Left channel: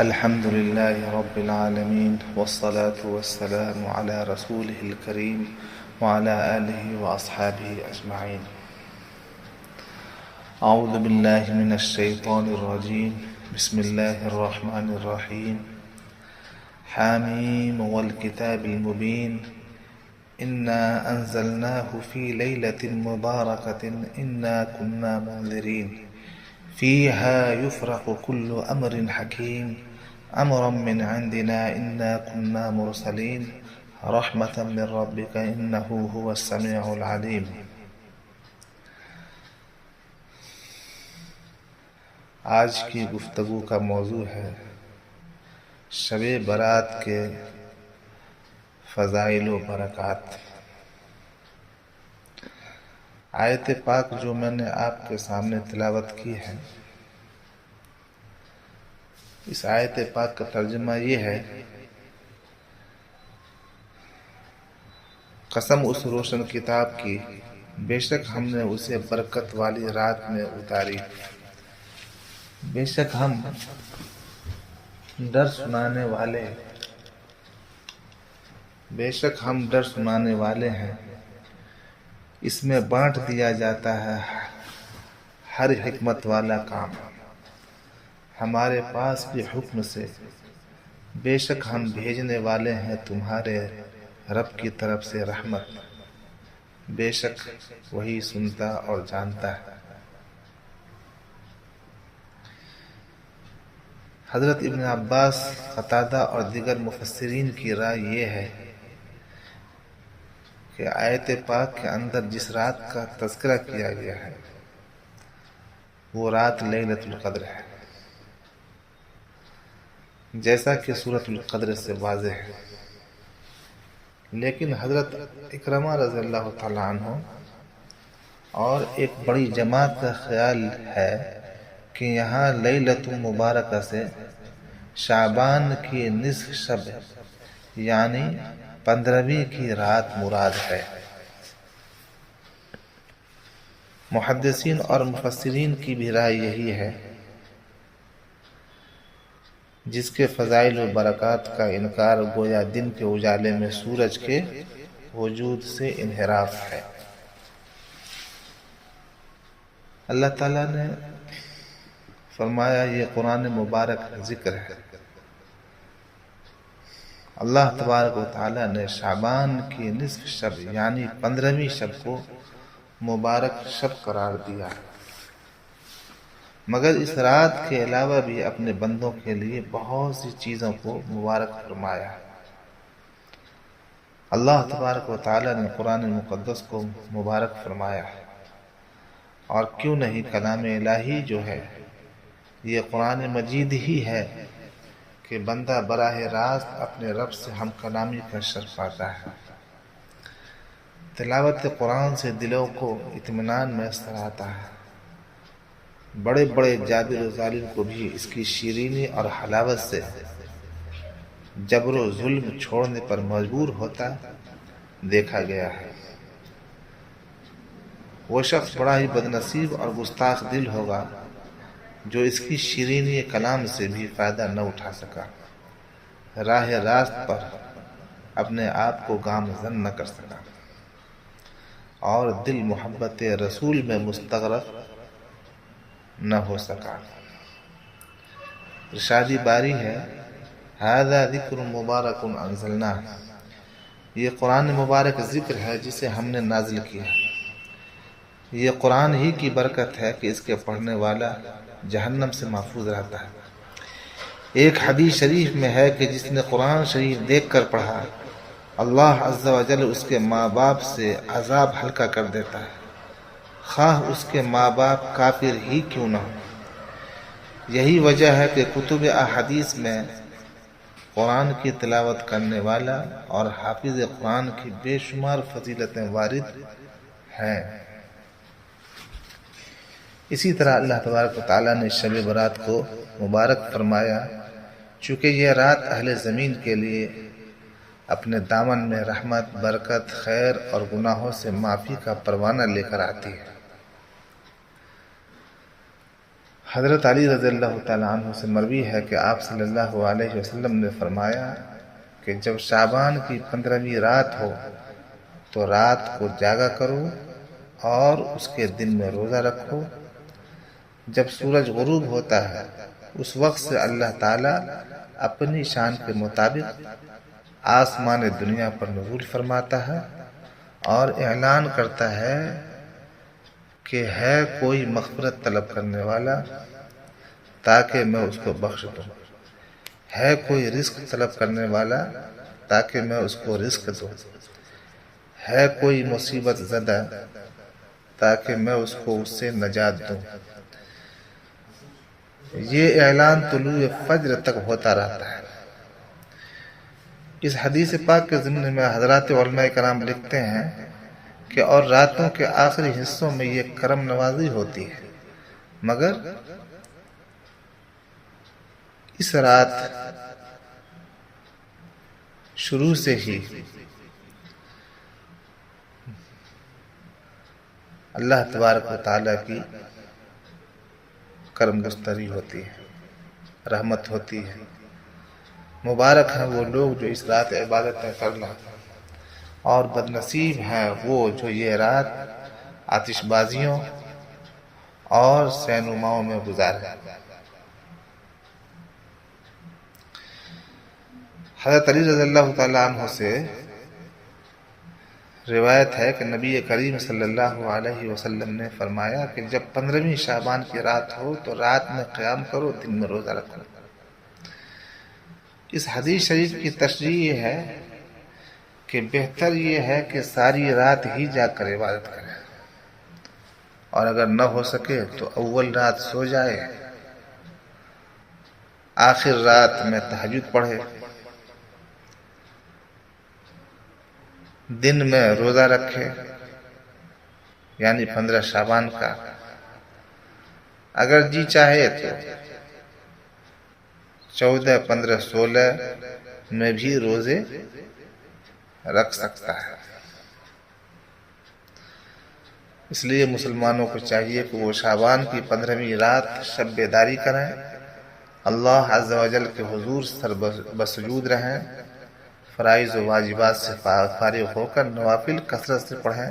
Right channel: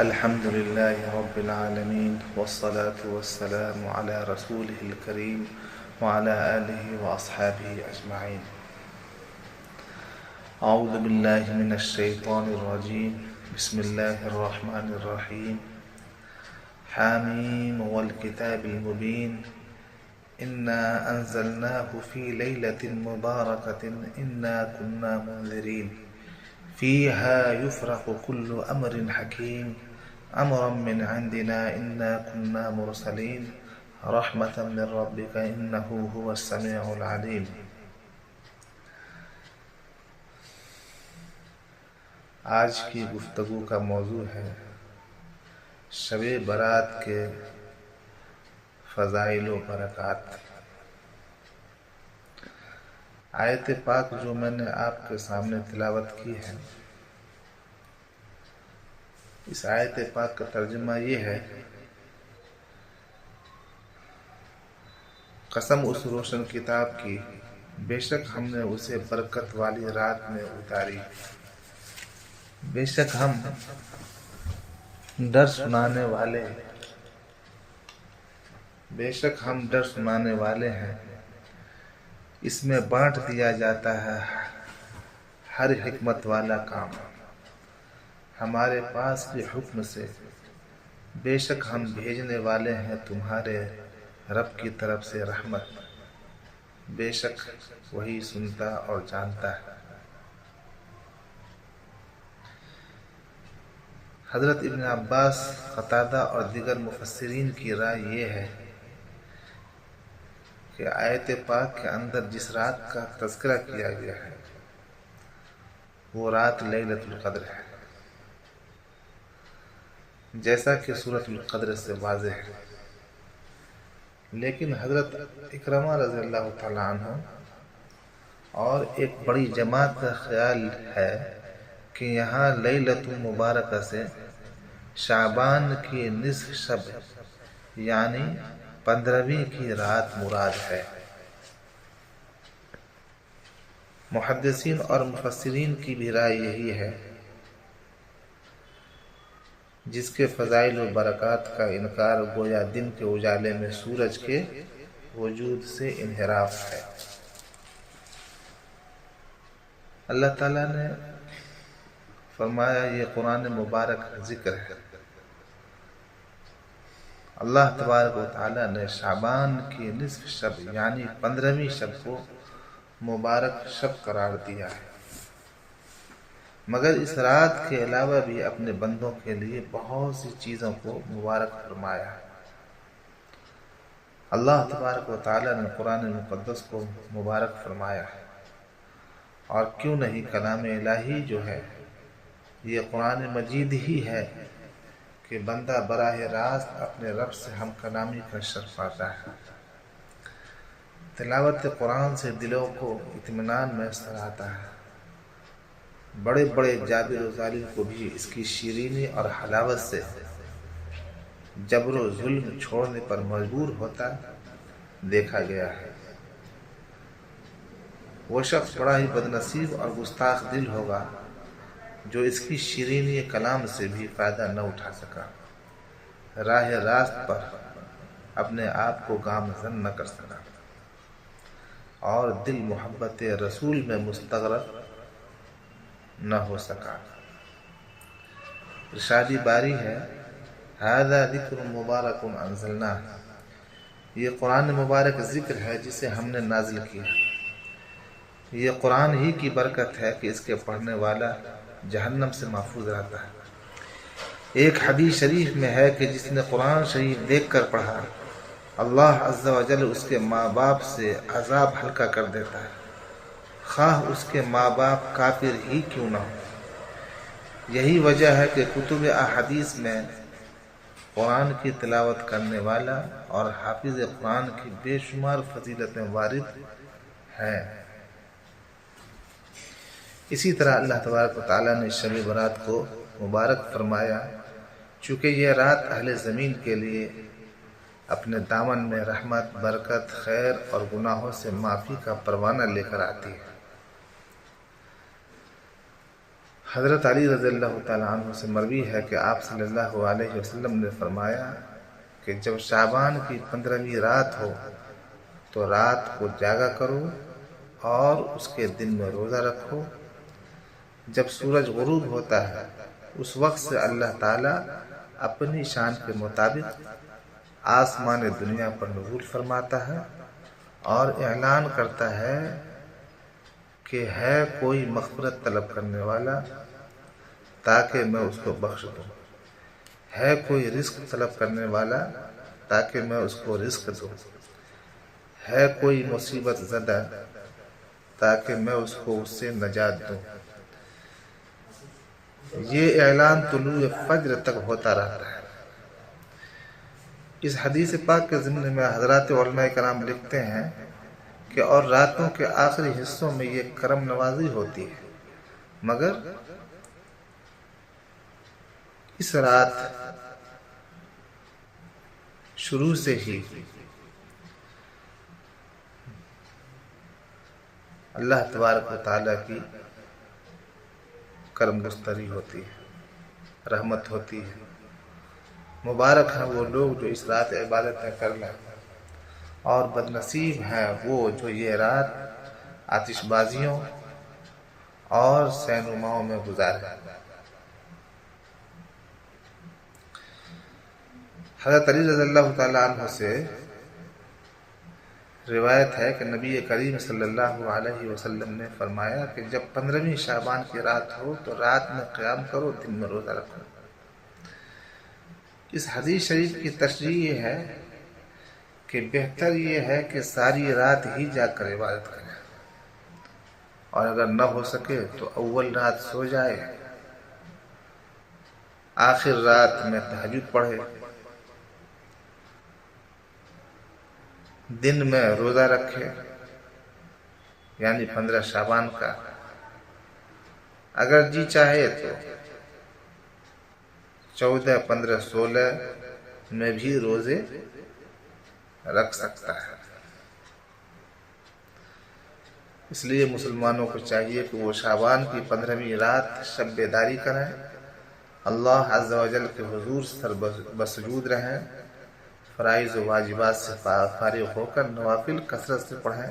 الحمد لله رب العالمين والصلاة والسلام على رسوله الكريم وعلى آله وأصحابه أجمعين. أعوذ بالله من الشيطان الرجيم. بسم الله الرحمن الرحيم. حاميم والكتاب المبين إنا أنزلناه في ليلة مباركة إنا كنا منذرين فيها يفرق كل أمر حكيم أمرا من عندنا إنا كنا مرسلين رحمة من ربك إنه هو السميع العليم. آج کی گفتگو کا موضوع ہے شب برات کے فضائل و برکات. آیت پاک جو میں نے آپ کے سامنے تلاوت کی ہے، اس آیت پاک کا ترجمہ یہ ہے: قسم اس روشن کتاب کی، بے شک ہم نے اسے برکت والی رات میں اتاری. بے شک ہم ڈر سنانے والے ہیں. اس میں بانٹ دیا جاتا ہے ہر حکمت والا کام ہمارے پاس کے حکم سے. بے شک ہم بھیجنے والے ہیں تمہارے رب کی طرف سے رحمت. بے شک وہی سنتا اور جانتا ہے. حضرت ابن عباس، قتادہ اور دیگر مفسرین کی رائے یہ ہے کہ آیت پاک کے اندر جس رات کا تذکرہ کیا گیا ہے وہ رات لیلۃ القدر ہے، جیسا کہ سورۃ القدر سے واضح ہے. لیکن حضرت اکرمہ رضی اللہ تعالیٰ عنہ اور ایک بڑی جماعت کا خیال ہے کہ یہاں لیلۃ مبارکہ سے شعبان کی نصف شب یعنی 15ویں کی رات مراد ہے. محدثین اور مفسرین کی بھی رائے یہی ہے. جس کے فضائل و برکات کا انکار گویا دن کے اجالے میں سورج کے وجود سے انحراف ہے. اللہ تعالیٰ نے فرمایا یہ قرآن مبارک ذکر ہے. اللہ تبارک و تعالیٰ نے شعبان کی نصف شب یعنی 15ویں شب کو مبارک شب قرار دیا ہے، مگر اس رات کے علاوہ بھی اپنے بندوں کے لیے بہت سی چیزوں کو مبارک فرمایا ہے. اللہ تبارک و تعالیٰ نے قرآن مقدس کو مبارک فرمایا ہے، اور کیوں نہیں کلام الہی جو ہے یہ قرآن مجید ہی ہے کہ بندہ براہ راست اپنے رب سے ہم کلامی کا شرف پاتا ہے. تلاوت قرآن سے دلوں کو اطمینان میسر آتا ہے. بڑے بڑے جابر و ظالم کو بھی اس کی شیرینی اور حلاوت سے جبر و ظلم چھوڑنے پر مجبور ہوتا دیکھا گیا ہے. وہ شخص بڑا ہی بدنصیب اور گستاخ دل ہوگا جو اس کی شیرینی کلام سے بھی فائدہ نہ اٹھا سکا، راہ راست پر اپنے آپ کو گامزن نہ کر سکا اور دل محبت رسول میں مستغرق نہ ہو سکا. ارشادی باری ہے: ھذا ذکر مبارک انزلناہ، یہ قرآن مبارک ذکر ہے جسے ہم نے نازل کیا. یہ قرآن ہی کی برکت ہے کہ اس کے پڑھنے والا جہنم سے محفوظ رہتا ہے. ایک حدیث شریف میں ہے کہ جس نے قرآن شریف دیکھ کر پڑھا اللہ عز و جل اس کے ماں باپ سے عذاب ہلکا کر دیتا ہے، خواہ اس کے ماں باپ کافر ہی کیوں نہ ہو. یہی وجہ ہے کہ کتب احادیث میں قرآن کی تلاوت کرنے والا اور حافظ قرآن کی بے شمار فضیلتیں وارد ہیں. اسی طرح اللہ تبارک و تعالیٰ نے شب برات کو مبارک فرمایا چونکہ یہ رات اہل زمین کے لیے اپنے دامن میں رحمت، برکت، خیر اور گناہوں سے معافی کا پروانہ لے کر آتی ہے. حضرت علی رضی اللہ تعالیٰ عنہ سے مروی ہے کہ آپ صلی اللہ علیہ وسلم نے فرمایا کہ جب شعبان کی 15ویں رات ہو تو رات کو جاگا کرو اور اس کے دن میں روزہ رکھو۔ جب سورج غروب ہوتا ہے اس وقت سے اللہ تعالیٰ اپنی شان کے مطابق آسمان دنیا پر نزول فرماتا ہے اور اعلان کرتا ہے کہ ہے کوئی مغفرت طلب کرنے والا تاکہ میں اس کو بخش دوں، ہے کوئی رزق طلب کرنے والا تاکہ میں اس کو رزق دوں، ہے کوئی مصیبت زدہ تاکہ میں اس کو اس سے نجات دوں۔ یہ اعلان طلوع فجر تک ہوتا رہتا ہے۔ اس حدیث پاک کے ضمن میں حضرات علماء کرام لکھتے ہیں کہ اور راتوں کے آخری حصوں میں یہ کرم نوازی ہوتی ہے، مگر اس رات شروع سے ہی اللہ تبارک و تعالیٰ کی کرم گستری ہوتی ہے، رحمت ہوتی ہے۔ مبارک ہیں وہ لوگ جو اس رات عبادتیں کر لیں، اور بدنصیب ہیں وہ جو یہ رات آتش بازیوں اور سینماؤں میں گزاریں۔ حضرت علی رضی اللہ تعالیٰ عنہ سے روایت ہے کہ نبی کریم صلی اللہ علیہ وسلم نے فرمایا کہ جب 15ویں شعبان کی رات ہو تو رات میں قیام کرو، دن میں روزہ رکھو۔ اس حدیث شریف کی تشریح یہ ہے کہ بہتر یہ ہے کہ ساری رات ہی جا کر عبادت کرے، اور اگر نہ ہو سکے تو اول رات سو جائے، آخر رات میں تہجد پڑھے، دن میں روزہ رکھے، یعنی 15 شعبان کا۔ اگر جی چاہے تو 14، 15، 16 میں بھی روزے رکھ سکتا ہے۔ اس لیے مسلمانوں کو چاہیے کہ وہ شعبان کی 15ویں رات شب بیداری کریں، اللہ عز و جل کے حضور سر بسجود رہیں، فرائض و واجبات سے فارغ ہو کر نوافل کثرت سے پڑھیں،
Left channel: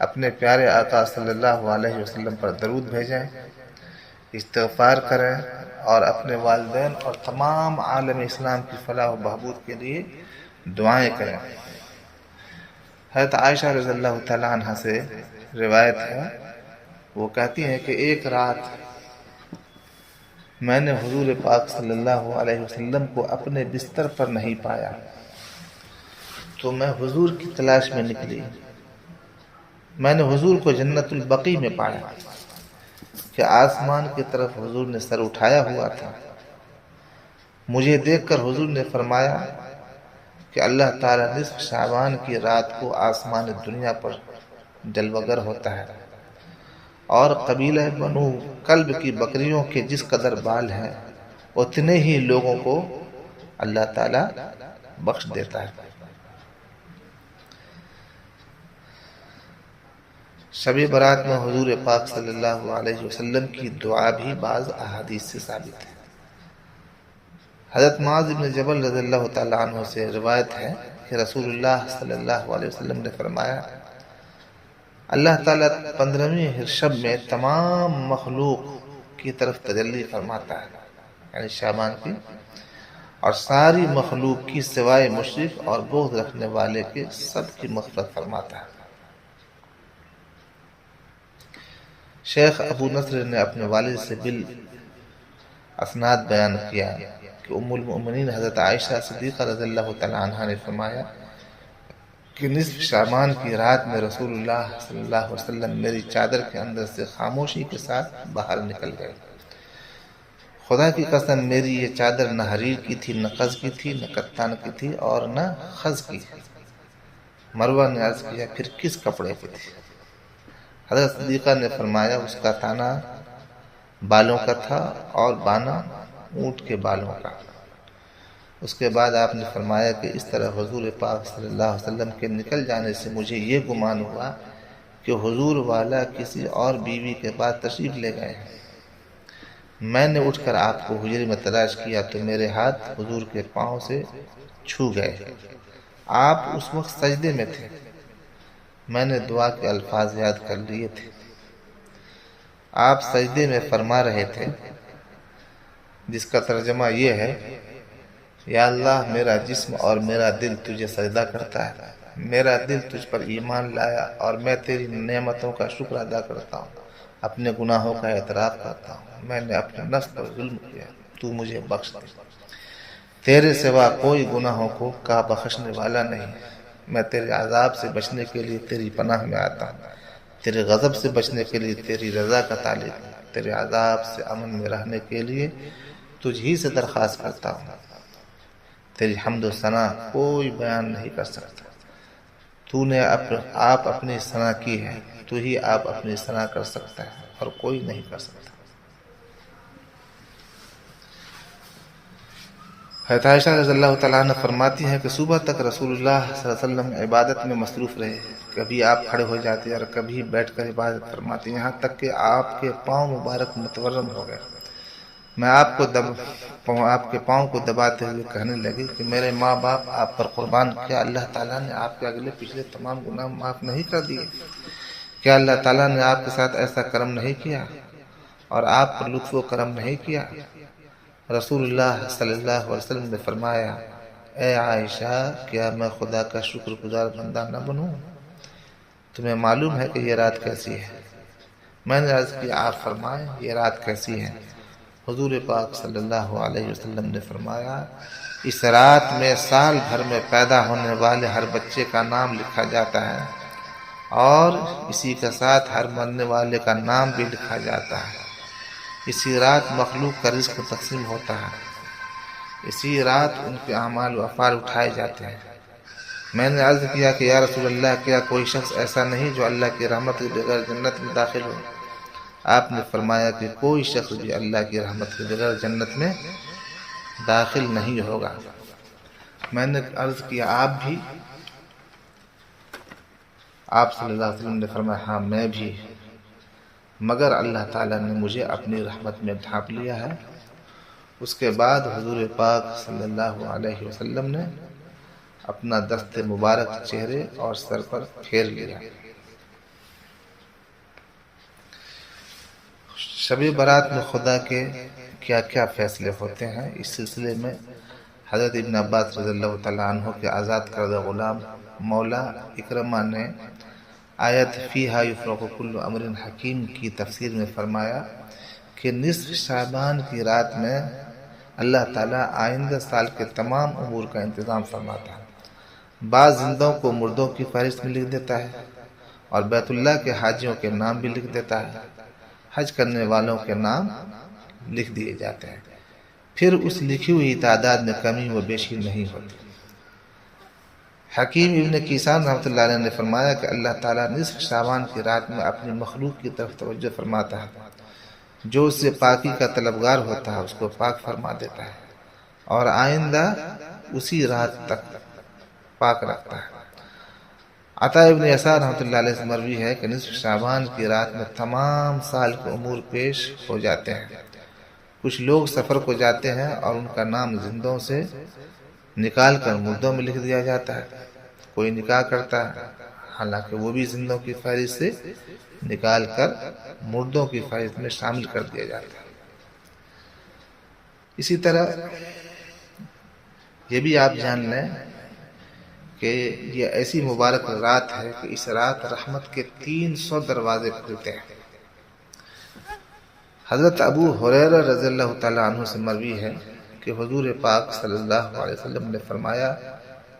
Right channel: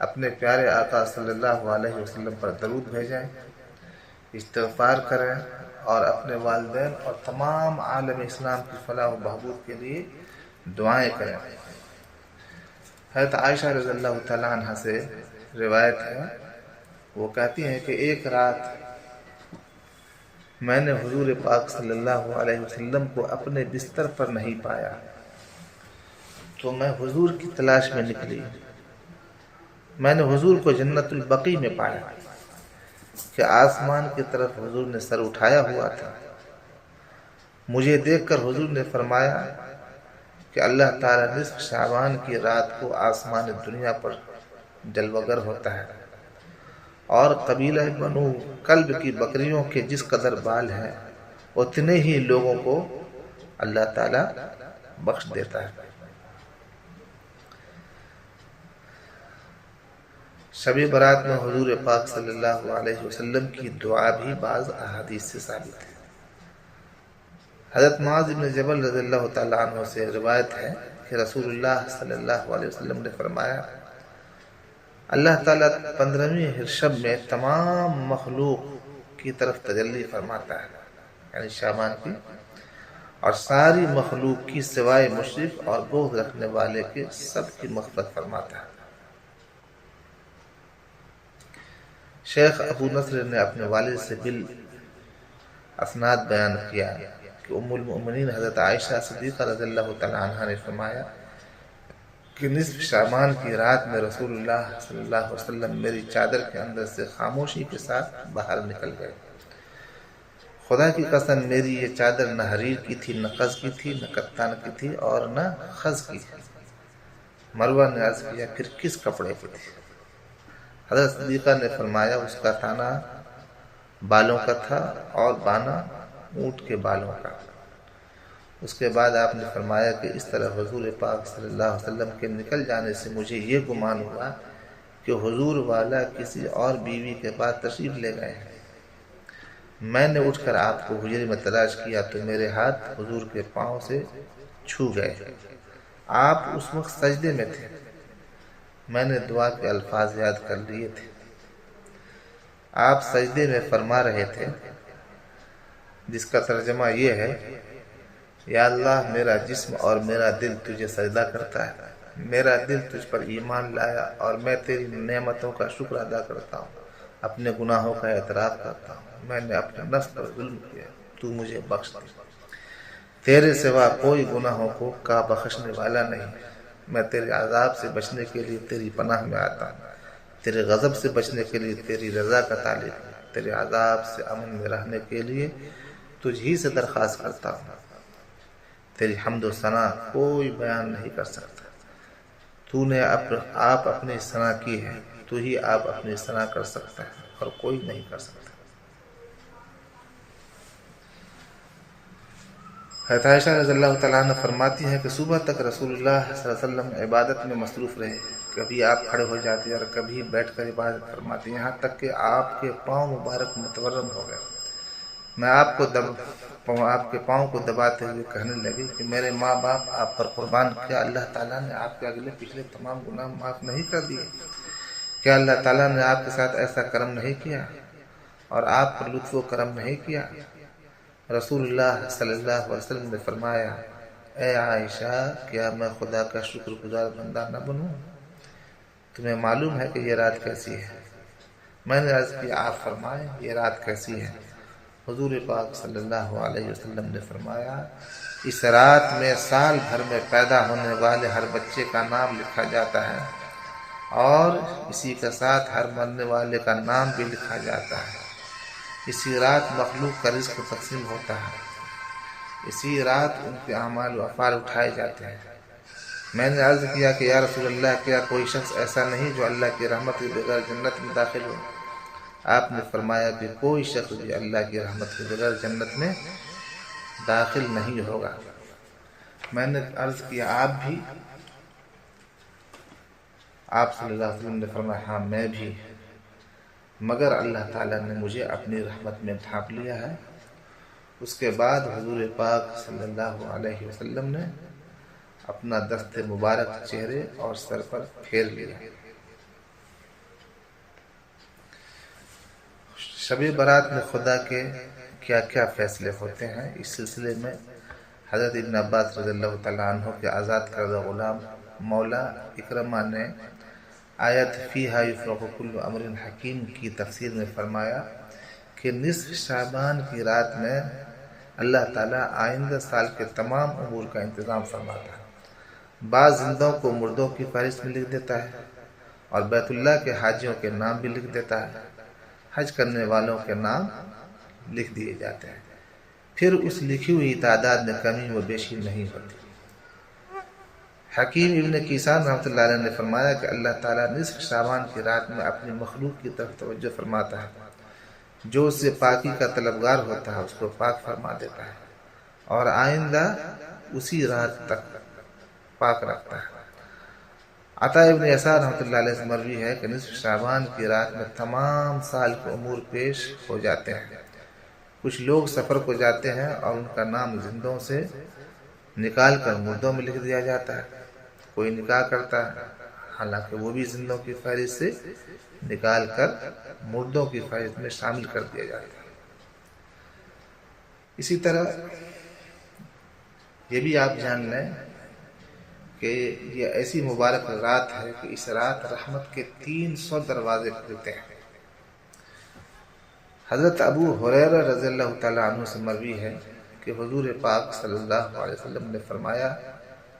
اپنے پیارے آقا صلی اللہ علیہ وسلم پر درود بھیجیں، استغفار کریں، اور اپنے والدین اور تمام عالم اسلام کی فلاح و بہبود کے لیے دعائیں کریں۔ حضرت عائشہ رضی اللہ تعالیٰ عنہ سے روایت ہے، وہ کہتی ہیں کہ ایک رات میں نے حضور پاک صلی اللہ علیہ وسلم کو اپنے بستر پر نہیں پایا، تو میں حضور کی تلاش میں نکلی۔ میں نے حضور کو جنت البقیع میں پایا کہ آسمان کی طرف حضور نے سر اٹھایا ہوا تھا۔ مجھے دیکھ کر حضور نے فرمایا کہ اللہ تعالیٰ نصف شعبان کی رات کو آسمان دنیا پر جلوگر ہوتا ہے، اور قبیلہ بنو کلب کی بکریوں کے جس قدر بال ہیں اتنے ہی لوگوں کو اللہ تعالیٰ بخش دیتا ہے۔ شب برات میں حضور پاک صلی اللہ علیہ وسلم کی دعا بھی بعض احادیث سے ثابت ہے۔ حضرت معاذ بن جبل رضی اللہ تعالیٰ عنہ سے روایت ہے کہ رسول اللہ صلی اللہ علیہ وسلم نے فرمایا، اللہ تعالیٰ 15ویں شب میں تمام مخلوق کی طرف تجلی فرماتا ہے، یعنی شعبان کی، اور ساری مخلوق کی سوائے مشرک اور بغض رکھنے والے کے سب کی مغفرت فرماتا ہے۔ شیخ ابو نصر نے اپنے والد سے بالاسناد بیان کیا کہ ام المؤمنین حضرت عائشہ صدیقہ رضی اللہ تعالی عنہا نے فرمایا کہ نصف شعبان کی رات میں رسول اللہ صلی اللہ علیہ وسلم میری چادر کے اندر سے خاموشی کے ساتھ باہر نکل گئے۔ خدا کی قسم میری یہ چادر نہ حریر کی تھی، نہ قز کی تھی، نہ کتان کی تھی، اور نہ خز کی۔ مروہ نے عرض کیا، پھر کس کپڑے کی تھی؟ حضرت صدیقہ نے فرمایا، اس کا تانا بالوں کا تھا اور بانا اونٹ کے بالوں کا۔ اس کے بعد آپ نے فرمایا کہ اس طرح حضور پاک صلی اللہ علیہ وسلم کے نکل جانے سے مجھے یہ گمان ہوا کہ حضور والا کسی اور بیوی کے بعد تشریف لے گئے ہیں۔ میں نے اٹھ کر آپ کو حجرے میں تلاش کیا تو میرے ہاتھ حضور کے پاؤں سے چھو گئے۔ آپ اس وقت سجدے میں تھے۔ میں نے دعا کے الفاظ یاد کر لیے تھے۔ آپ سجدے میں فرما رہے تھے، جس کا ترجمہ یہ ہے، یا اللہ میرا جسم اور میرا دل تجھے سجدہ کرتا ہے، میرا دل تجھ پر ایمان لایا اور میں تیری نعمتوں کا شکر ادا کرتا ہوں، اپنے گناہوں کا اعتراف کرتا ہوں، میں نے اپنے نفس پر ظلم کیا، تو مجھے بخش دے، تیرے سوا کوئی گناہوں کا بخشنے والا نہیں، میں تیرے عذاب سے بچنے کے لیے تیری پناہ میں آتا ہوں، تیرے غضب سے بچنے کے لیے تیری رضا کا طالب ہوں، تیرے عذاب سے امن میں رہنے کے لیے تجھ ہی سے درخواست کرتا ہوں، تیری حمد و ثنا کوئی بیان نہیں کر سکتا، تو نے آپ اپنی ثنا کی ہے، تو ہی آپ اپنی ثنا کر سکتا ہے اور کوئی نہیں کر سکتا۔ حضرت عائشہ رضی اللہ تعالیٰ عنہ فرماتی ہیں کہ صبح تک رسول اللہ صلی اللہ علیہ وسلم عبادت میں مصروف رہے، کبھی آپ کھڑے ہو جاتے اور کبھی بیٹھ کر عبادت فرماتے، یہاں تک کہ آپ کے پاؤں مبارک متورم ہو گئے۔ میں آپ کے پاؤں کو دباتے ہوئے کہنے لگی کہ میرے ماں باپ آپ پر قربان، کیا اللہ تعالیٰ نے آپ کے اگلے پچھلے تمام گناہ معاف نہیں کر دیے؟ کیا اللہ تعالیٰ نے آپ کے ساتھ ایسا کرم نہیں کیا اور آپ پر لطف و کرم نہیں کیا؟ رسول اللہ صلی اللہ علیہ وسلم نے فرمایا، اے عائشہ، کیا میں خدا کا شکر گزار بندہ نہ بنوں؟ تمہیں معلوم ہے کہ یہ رات کیسی ہے؟ میں نے عرض کیا، آپ فرمائیں یہ رات کیسی ہے؟ حضور پاک صلی اللہ علیہ وسلم نے فرمایا، اس رات میں سال بھر میں پیدا ہونے والے ہر بچے کا نام لکھا جاتا ہے اور اسی کے ساتھ ہر مرنے والے کا نام بھی لکھا جاتا ہے۔ اسی رات مخلوق کا رزق تقسیم ہوتا ہے، اسی رات ان کے اعمال و افعال اٹھائے جاتے ہیں۔ میں نے عرض کیا کہ یا رسول اللہ، کیا کوئی شخص ایسا نہیں جو اللہ کی رحمت کے بغیر جنت میں داخل ہو؟ آپ نے فرمایا کہ کوئی شخص بھی اللہ کی رحمت کے بغیر جنت میں داخل نہیں ہوگا۔ میں نے عرض کیا، آپ بھی؟ آپ صلی اللہ علیہ وسلم نے فرمایا، ہاں میں بھی، مگر اللہ تعالیٰ نے مجھے اپنی رحمت میں ڈھانپ لیا ہے۔ اس کے بعد حضور پاک صلی اللہ علیہ وسلم نے اپنا دست مبارک چہرے اور سر پر پھیر لیا۔ شب برات میں خدا کے کیا کیا فیصلے ہوتے ہیں، اس سلسلے میں حضرت ابن عباس رضی اللہ تعالیٰ عنہ کے آزاد کردہ غلام مولا اکرمہ نے آیت فیہا یفرق کل امر حکیم کی تفسیر میں فرمایا کہ نصف شعبان کی رات میں اللہ تعالیٰ آئندہ سال کے تمام امور کا انتظام فرماتا ہے، بعض زندوں کو مردوں کی فہرست میں لکھ دیتا ہے اور بیت اللہ کے حاجیوں کے نام بھی لکھ دیتا ہے، حج کرنے والوں کے نام لکھ دیے جاتے ہیں، پھر اس لکھی ہوئی تعداد میں کمی و بیشی نہیں ہوتی۔ حکیم ابن کیسان رحمۃ اللہ علیہ نے فرمایا کہ اللہ تعالیٰ نصف شعبان کی رات میں اپنی مخلوق کی طرف توجہ فرماتا ہے، جو اس سے پاکی کا طلبگار ہوتا ہے اس کو پاک فرما دیتا ہے اور آئندہ اسی رات تک پاک رکھتا ہے۔ عطا ابن یسار رحمۃ اللہ علیہ سے مروی ہے کہ نصف شعبان کی رات میں تمام سال کے امور پیش ہو جاتے ہیں، کچھ لوگ سفر کو جاتے ہیں اور ان کا نام زندوں سے نکال کر مردوں میں لکھ دیا جاتا ہے، کوئی نکاح کرتا ہے حالانکہ وہ بھی زندوں کی فہرست سے نکال کر مردوں کی فہرست میں شامل کر دیا جاتا ہے۔ اسی طرح یہ بھی آپ جان لیں کہ یہ ایسی مبارک رات ہے کہ اس رات رحمت کے 300 دروازے کھلتے ہیں۔ حضرت ابو ہریرہ رضی اللہ تعالیٰ عنہ سے مروی ہے کہ حضور پاک صلی اللہ علیہ وسلم نے فرمایا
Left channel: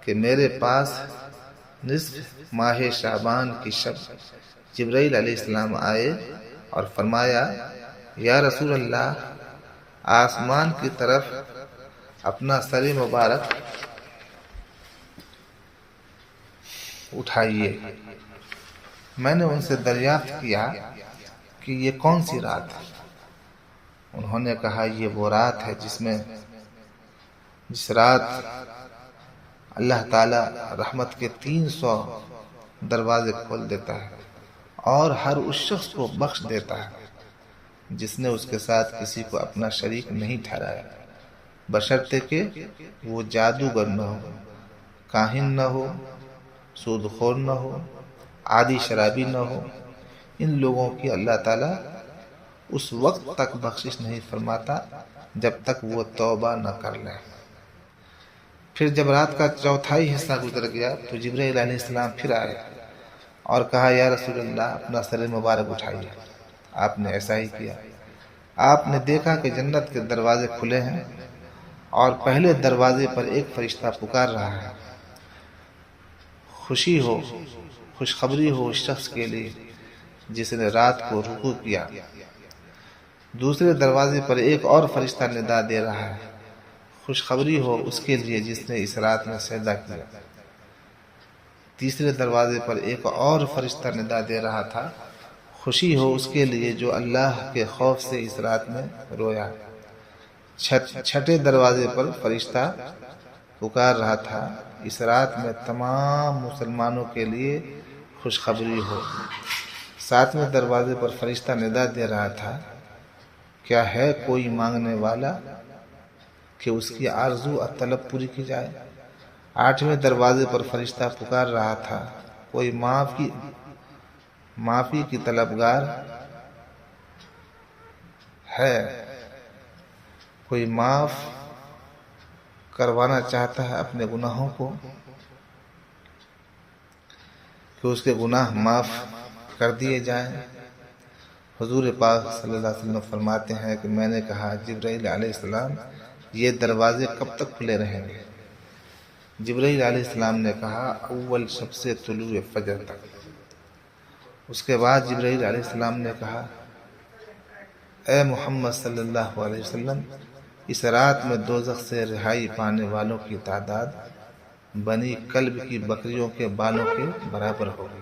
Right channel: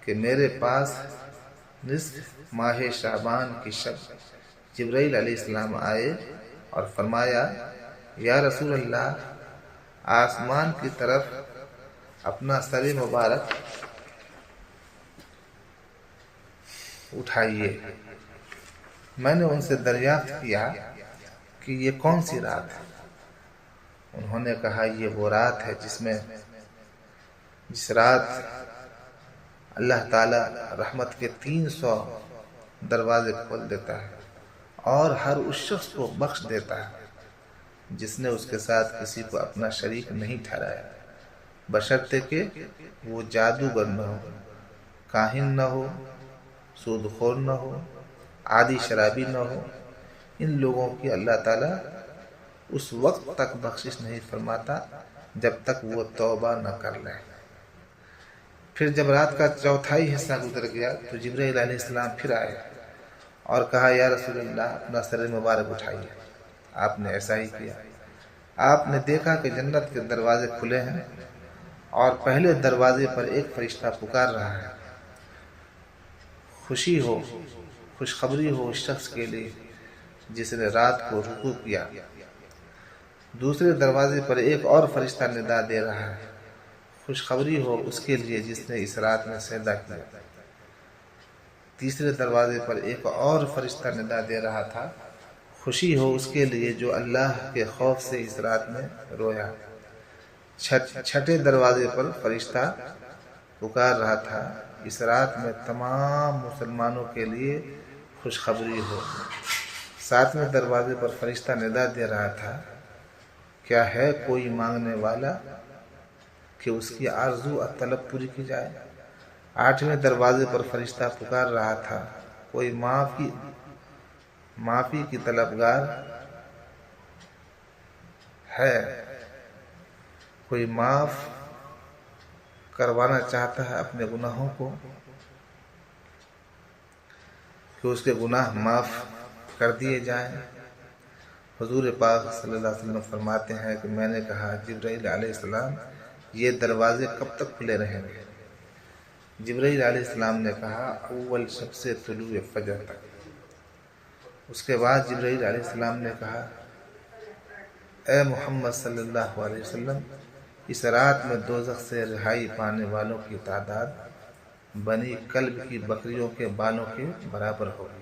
کہ میرے پاس نصف ماہ شعبان کی شب جبرائیل علیہ السلام آئے اور فرمایا، یا رسول اللہ، آسمان کی طرف اپنا سر مبارک اٹھائیے۔ میں نے ان سے دریافت کیا کہ یہ کون سی رات ہے؟ انہوں نے کہا، یہ وہ رات ہے جس رات اللہ تعالیٰ رحمت کے 300 دروازے کھول دیتا ہے اور ہر اس شخص کو بخش دیتا ہے جس نے اس کے ساتھ کسی کو اپنا شریک نہیں ٹھہرایا، بشرطے کہ وہ جادوگر نہ ہو، کاہن نہ ہو، سود خور نہ ہو، عادی شرابی نہ ہو۔ ان لوگوں کی اللہ تعالیٰ اس وقت تک بخشش نہیں فرماتا جب تک وہ توبہ نہ کر لیں۔ پھر جب رات کا چوتھائی حصہ گزر گیا تو جبرائیل علیہ السلام پھر آئے اور کہا، یا رسول اللہ، اپنا سر مبارک اٹھائیے۔ آپ نے ایسا ہی کیا۔ آپ نے دیکھا کہ جنت کے دروازے کھلے ہیں اور پہلے دروازے پر ایک فرشتہ پکار رہا ہے، خوشی ہو، خوشخبری ہو اس شخص کے لیے جس نے رات کو رکوع کیا۔ دوسرے دروازے پر ایک اور فرشتہ ندا دے رہا ہے، خوشخبری ہو اس کے لیے جس نے اس رات میں سجدہ کیا۔ تیسرے دروازے پر ایک اور فرشتہ ندا دے رہا تھا، خوشی ہو اس کے لیے جو اللہ کے خوف سے اس رات میں رویا۔ چھٹے دروازے پر فرشتہ پکار رہا تھا، اس رات میں تمام مسلمانوں کے لیے خوشخبری ہو۔ ساتویں دروازے پر فرشتہ ندا دے رہا تھا، کیا ہے کوئی مانگنے والا کہ اس کی آرزو اور طلب پوری کی جائے۔ آٹھویں دروازے پر فرشتہ پکار رہا تھا، کوئی معافی کی طلبگار ہے، کوئی معاف کروانا چاہتا ہے اپنے گناہوں کو کہ اس کے گناہ معاف کر دیے جائیں۔ حضور پاک صلی اللہ علیہ وسلم فرماتے ہیں کہ میں نے کہا، جبرائیل علیہ السلام، یہ دروازے کب تک کھلے رہیں گے؟ جبرائیل علیہ السلام نے کہا، اول شب سے طلوع فجر تک۔ اس کے بعد جبرائیل علیہ السلام نے کہا، اے محمد صلی اللہ علیہ وسلم، اس رات میں دوزخ سے رہائی پانے والوں کی تعداد بنی کلب کی بکریوں کے بالوں کے برابر ہوگی۔